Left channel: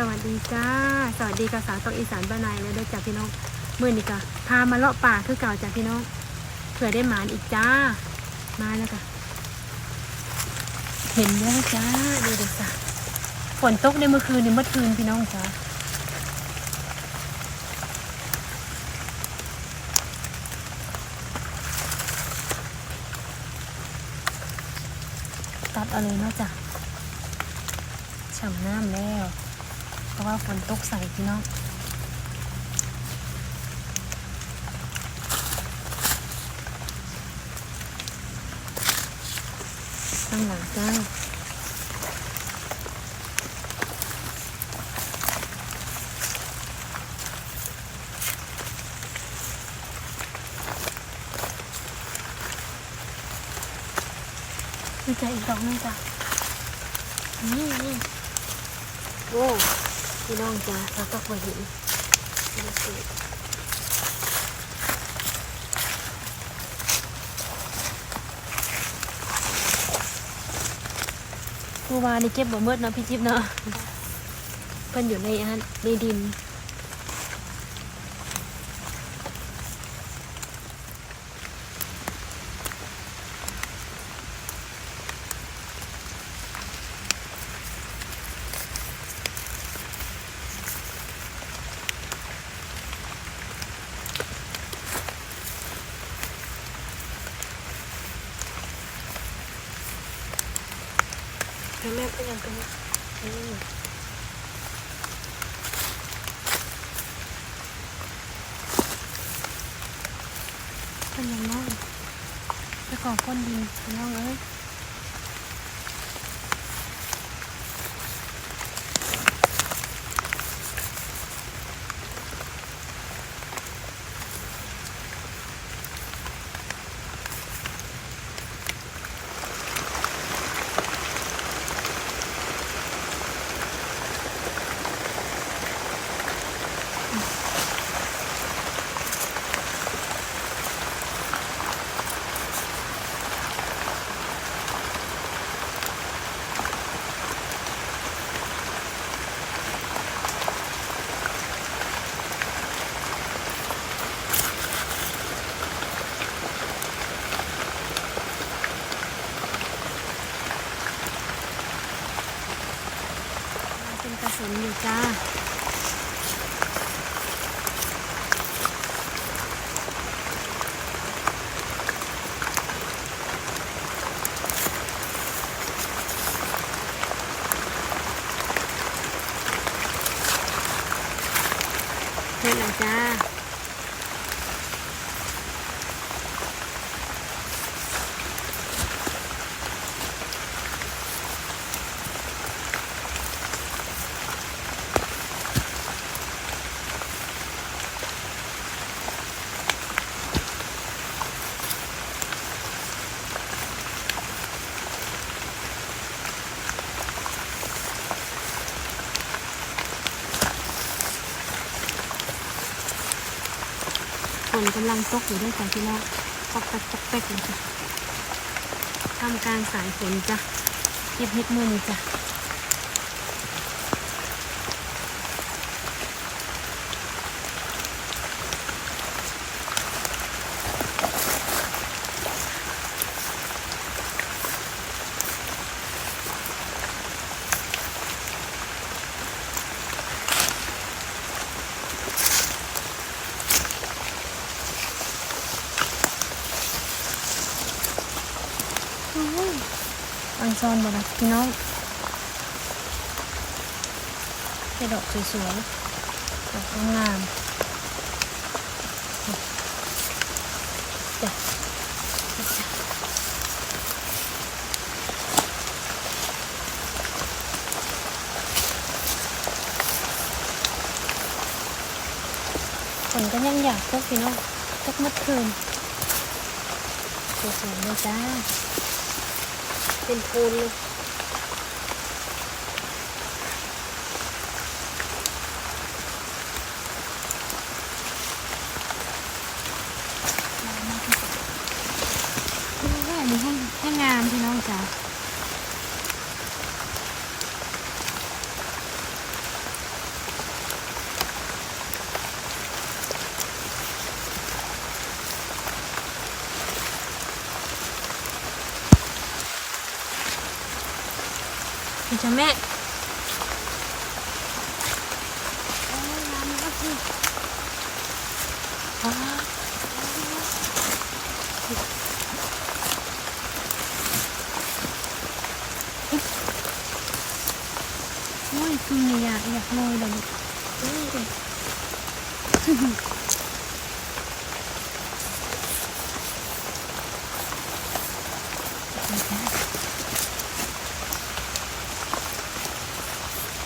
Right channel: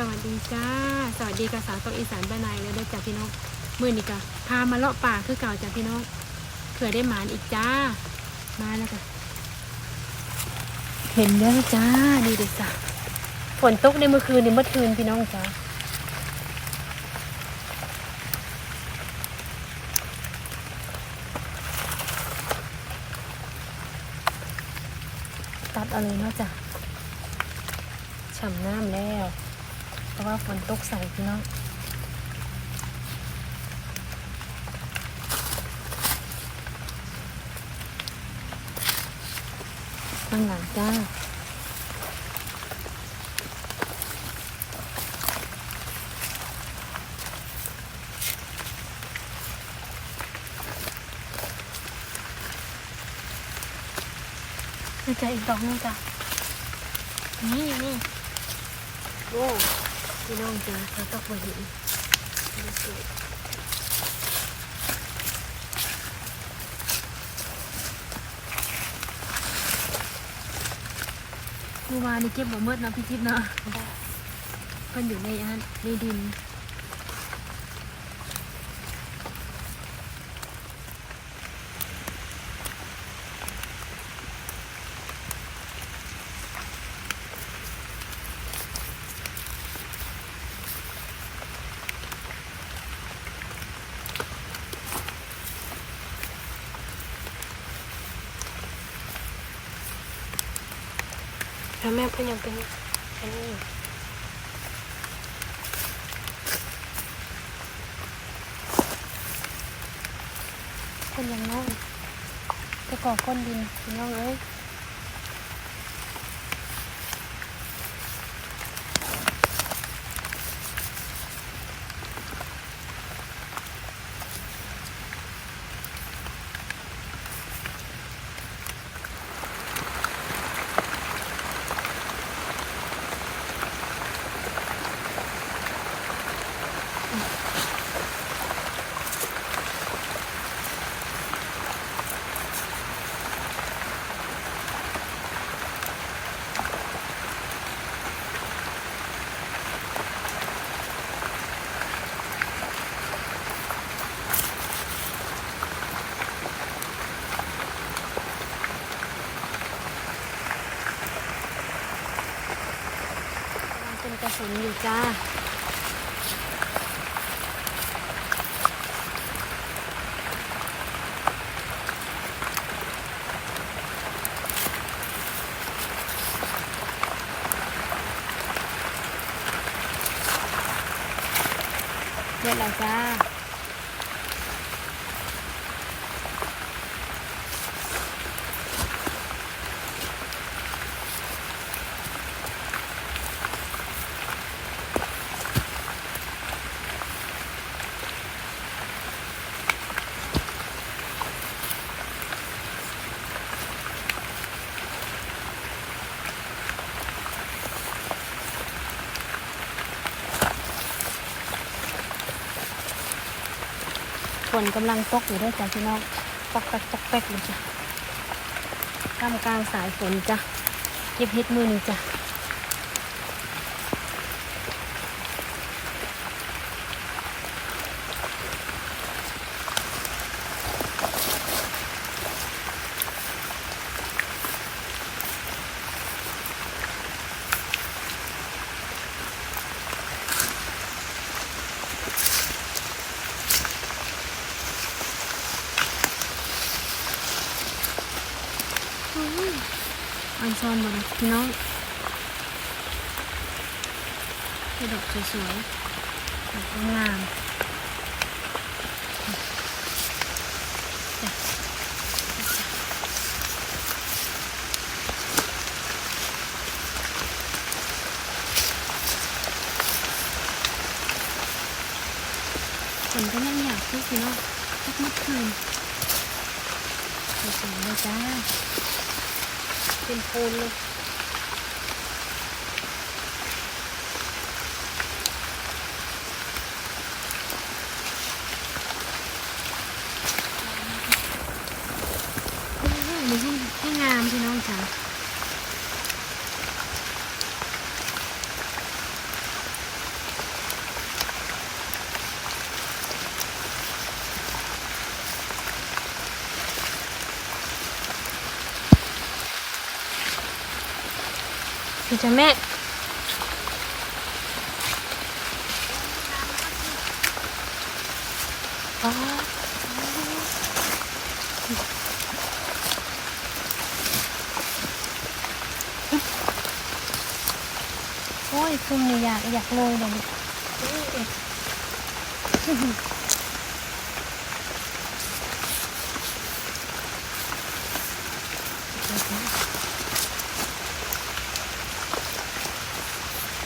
สวัสดีจ้าสวัสดีกับสาวตกอีสานบ้านนายแล้วด้วยจ้าพี่น้องมื้อนี้ก็พามาเลาะป่าคือเก่าจ้าพี่น้องเผื่อได้หมานอีกจ้ามาแล้วก็เห็นแล้วจ้าดูดิจ้าฝนตกในเมื่อคืนพี่น้องจ้าตัดเอาเลยนะจ้ะฉ่ำน้ำแล้วเพราะว่าฝนตกใส่พี่น้องข้างหลังจ้าดูใจอีกดอกนึงจ้ะนี่โอ้พี่น้องจ้าเราต้องไปดูดูสิเมื่อวานนี้เก็บบ่เมื่อนะพี่จิ๊บเนาะเพิ่นอยู่ในในดินแล้วแม่เพิ่งยังเป็นอันนี้คนยังน้องจะก่อก้นดินน้องเอ้ยเป็นกระสุนอยู่จ้าเห็นแล้วจ้าฝนกำลังตกอยู่ด้วยจ้ะพี่น้องตกแป๊กเลยจ้ะทำการสายฝนจ้ะเก็บเห็ดมือจ้ะอันซอนบ่นะพี่น้องให้ดอกสวยๆดอกงามจ้ะฉันก็ยังอยากก็พี่น้องสักเมื่อคืนสวยๆเลยจ้าเป็นโพนเลยอันนี้ให้งามพี่น้องจ้า พี่จะแม่อ้าโอ้ยคุณเนี่ยอยากโรยเลย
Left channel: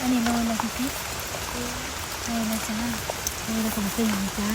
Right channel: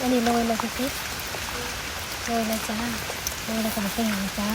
อันนี้โรยเลยพี่โรยเลยจ้าโรยแล้วก็มาใส่หนังจ้า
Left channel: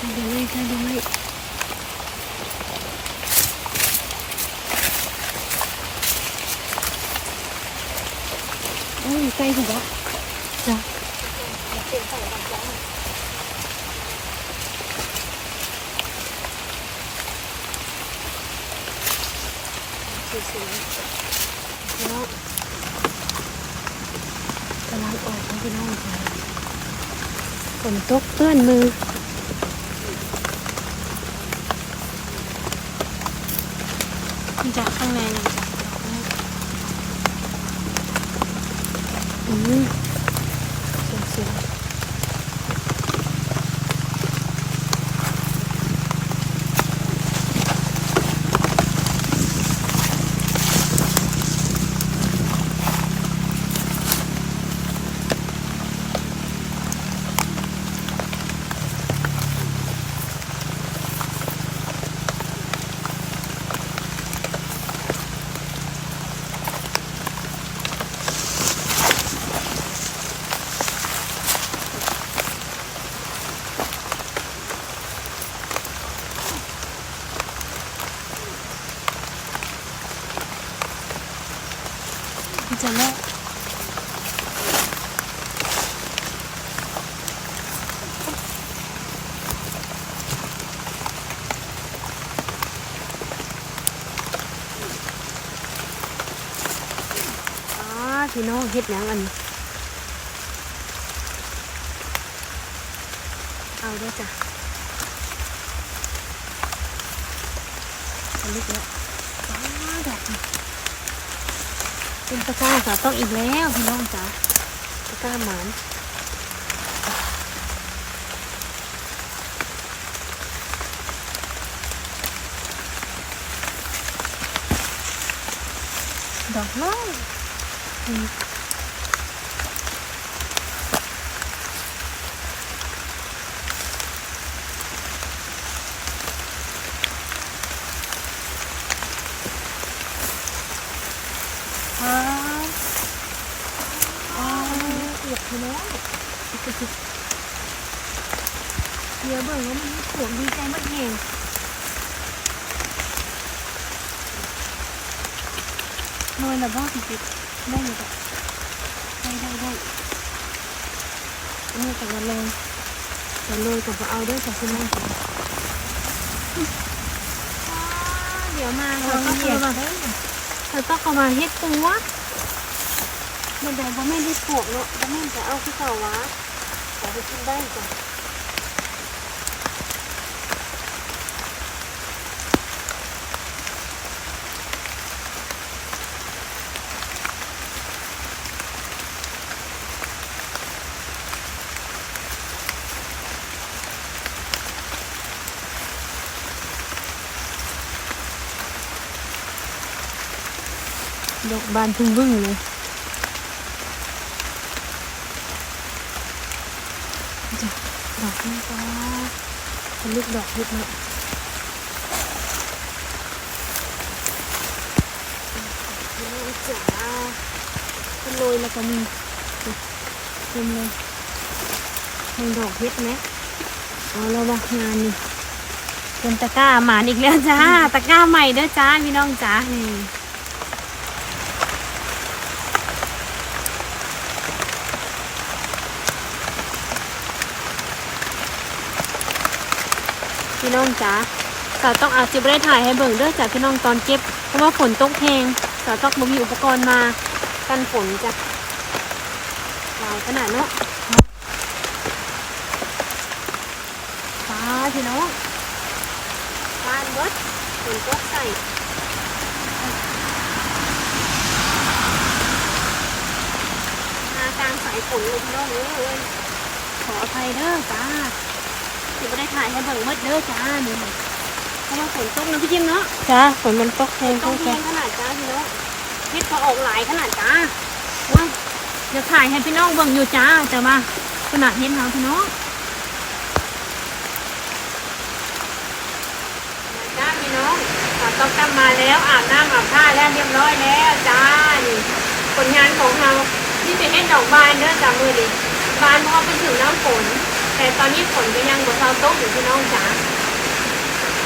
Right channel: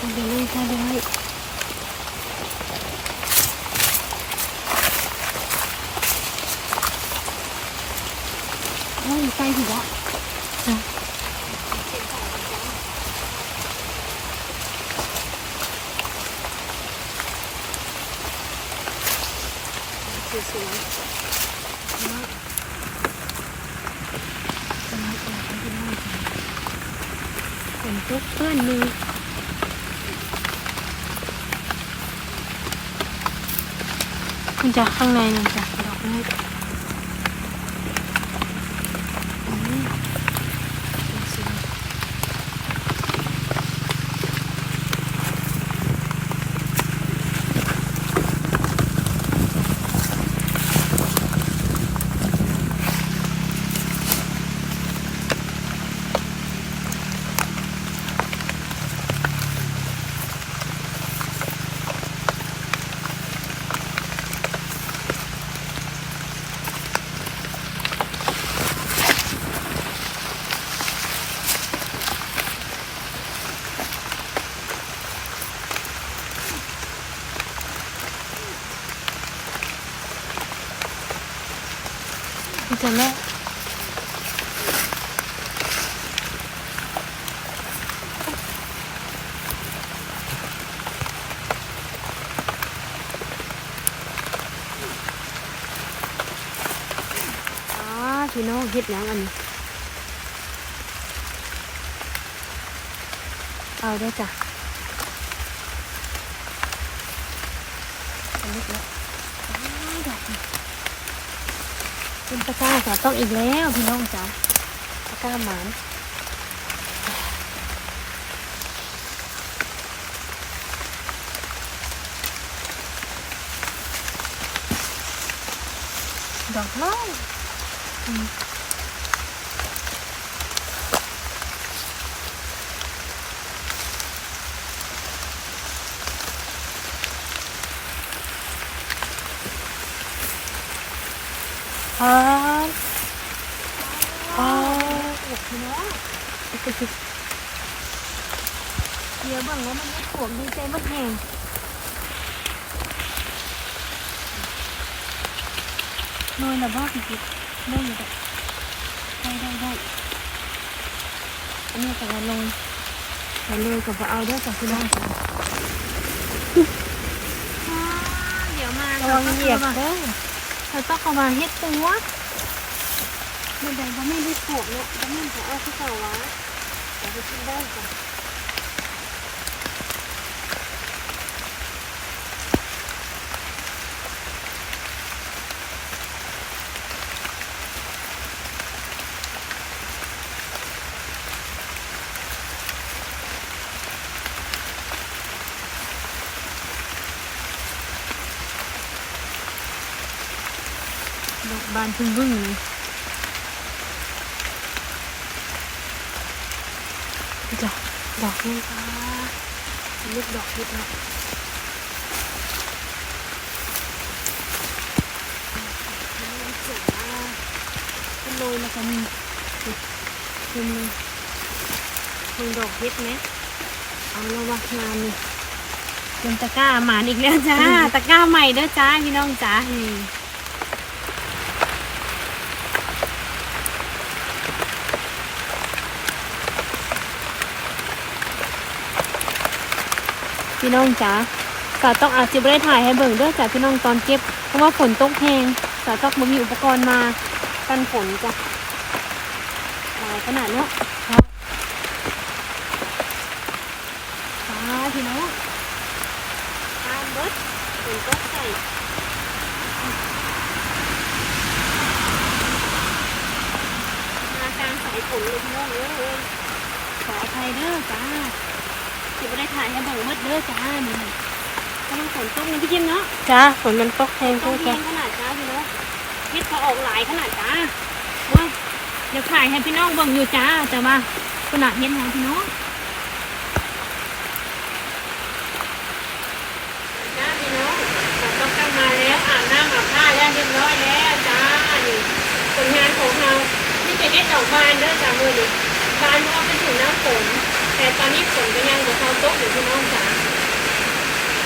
ทำได้โอ้ยใกล้ถึงแล้วจ้ะสวยๆแล้วกำลังออกมาเป็นนี่ค่ะฝนตกเปื้อนมือมันจะข้างในนั่นจ้ะดอกไม้สวยพี่จะแม่พี่น้องเฮ็ดหยังอันนี้เอาได้จ้ะอันนี้แล้วดอกเป็นตะกร้าสาวต้องอีกแล้วพี่น้องจ้ะตะกร้าหมานดอกไม้อ๋อเห็ดพี่น้องเดี๋ยวบ้างแล้วมันไม่ผลดีใจมากเองเมื่อแบบว่าพี่ได้อยู่แบบได้อันนี้กับกระเลยกับเอาได้แต่ที่นั่นจ้ะเดี๋ยวมาระวังเหยียบเราต้องเอามาเฮ็ดตัวมันได้บ่แม่นเฮ็ดปวกเนาะบ่แม่นจะเอาคือเก่าวะแต่ไปกินได้จ้ะดอกบานพึ่งบึ้งเลยจ้ะดอกนี้จ้าลูกดอกเห็ดเนี่ยจ๋าเป็นโรยแล้วก็มีเต็มเลยมีดอกเห็ดเนี่ยเอาแล้วว่างานนี่เป็นตะกร้าหมานอีกแล้วจ้าตะกร้าใหม่เด้อจ้าพี่น้องจ้านี่พี่น้องจ๋าสาวต้องอาจจะไม่ได้ถ่ายให้เบิ่งเด้อจ้ะพี่น้องตอนเก็บเพราะว่าฝนตกแห้งสาวต้องมามีอุปกรณ์มากันฝนจ้ะ ขนาดเนาะฟ้าพี่น้องฟ้าเบิดฝนตกใส่มากลางสายฝนเลยพี่น้องเลยขออภัยเด้อจ้าที่ไม่ได้ถ่ายให้เบิ่งมืดเด้อจ้านี่เพราะว่าฝนตกนะพี่จิ้มเนาะจ้าฝนมันตกแรงตกแรงขนาดจ้าพี่น้องเฮ็ดก็ออกหลายขนาดจ้าว้าเดี๋ยวถ่ายให้พี่น้องเบิ่งอยู่จ้าแต่ว่าขนาดเฮ็ดทางพี่น้องจ้าพี่น้องต้องกลับมาแล้วอาบน้ำอาบท่าแล้วเรียบร้อยแล้วจ้านี่ผลงานของเราที่เป็นเฮ็ดดอกบานเด้อจ้ามือดิบานเพราะว่าเป็นถึงน้ำฝนแต่ตอนนี้ฝนก็ยังบ่เข้าตกอยู่พี่น้องจ้า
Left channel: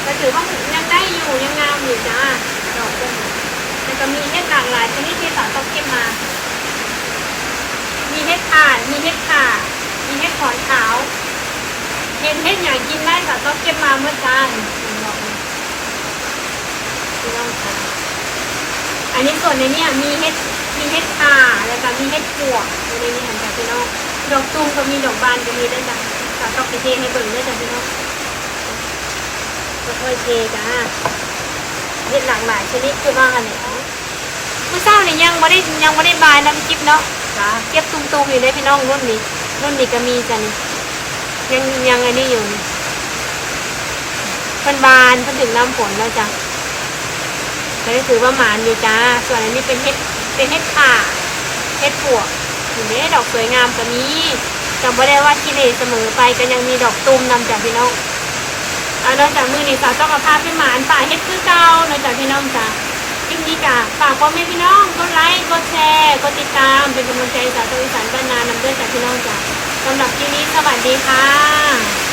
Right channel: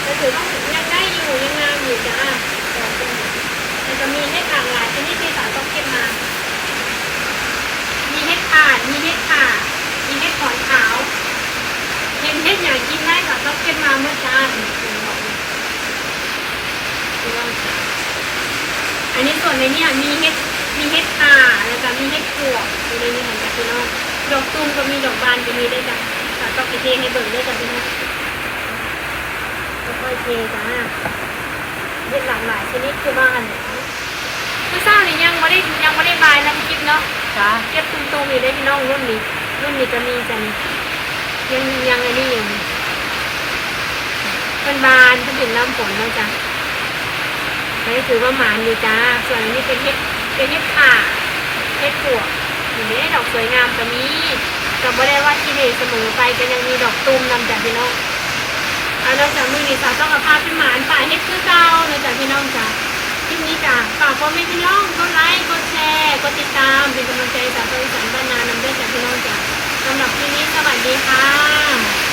ก็ถือว่ายังได้อยู่ยังงามอยู่จ้าดอกต้นแต่ก็มีเฮ็ดหลากหลายชนิดที่สาวต้องเก็บมามีเฮ็ดข่านมีเฮ็ดข่ามีเฮ็ดขอนขาวเฮ็ดอย่างกินได้ค่ะต้องเก็บมาเมื่อจ้าอันนี้ส่วนในนี้มีเฮ็ดข่าแล้วก็มีเฮ็ดปวกอยู่ในนี้เห็นจ้ะพี่น้องดอกตุ้มก็มีดอกบานก็มีได้จ้ะก็ต้องเทให้เบิ่งด้วยจ้ะพี่น้องค่อยๆเทจ้าเฮ็ดหลากหลายชนิดคือว่าอันนี้คือเศร้านี่ยังไม่ได้บายแล้วกิ๊บเนาะจ้าเก็บตุ้มๆอยู่ได้พี่น้องรุ่นนี้ก็มีจ้ะนี่ยังอันนี้อยู่เพิ่นบานเพิ่นถึงน้ำฝนแล้วจ้ะอันนี้ถือว่าหมานอยู่จ้าส่วนอันนี้เป็นเฮ็ดข่าเฮ็ดปวกอยู่ได้ดอกสวยงามก็มีแต่ไม่ได้ว่าที่เหเสมอไปก็ยังมีดอกตุ้มนำจากพี่น้องเอานอกจากมือนี่สาวต้องเอาภาพพี่หมานป่าเฮ็ดคือเก่าในจากพี่น้องจ้าคลิปนี้จ้ะฝากพ่อแม่พี่น้องกดไลค์กดแชร์กดติดตามเป็นกำลังใจสาวอีสานบ้านนานำด้วยจากพี่น้องจ้ะสำหรับคลิปนี้สวัสดีค่ะ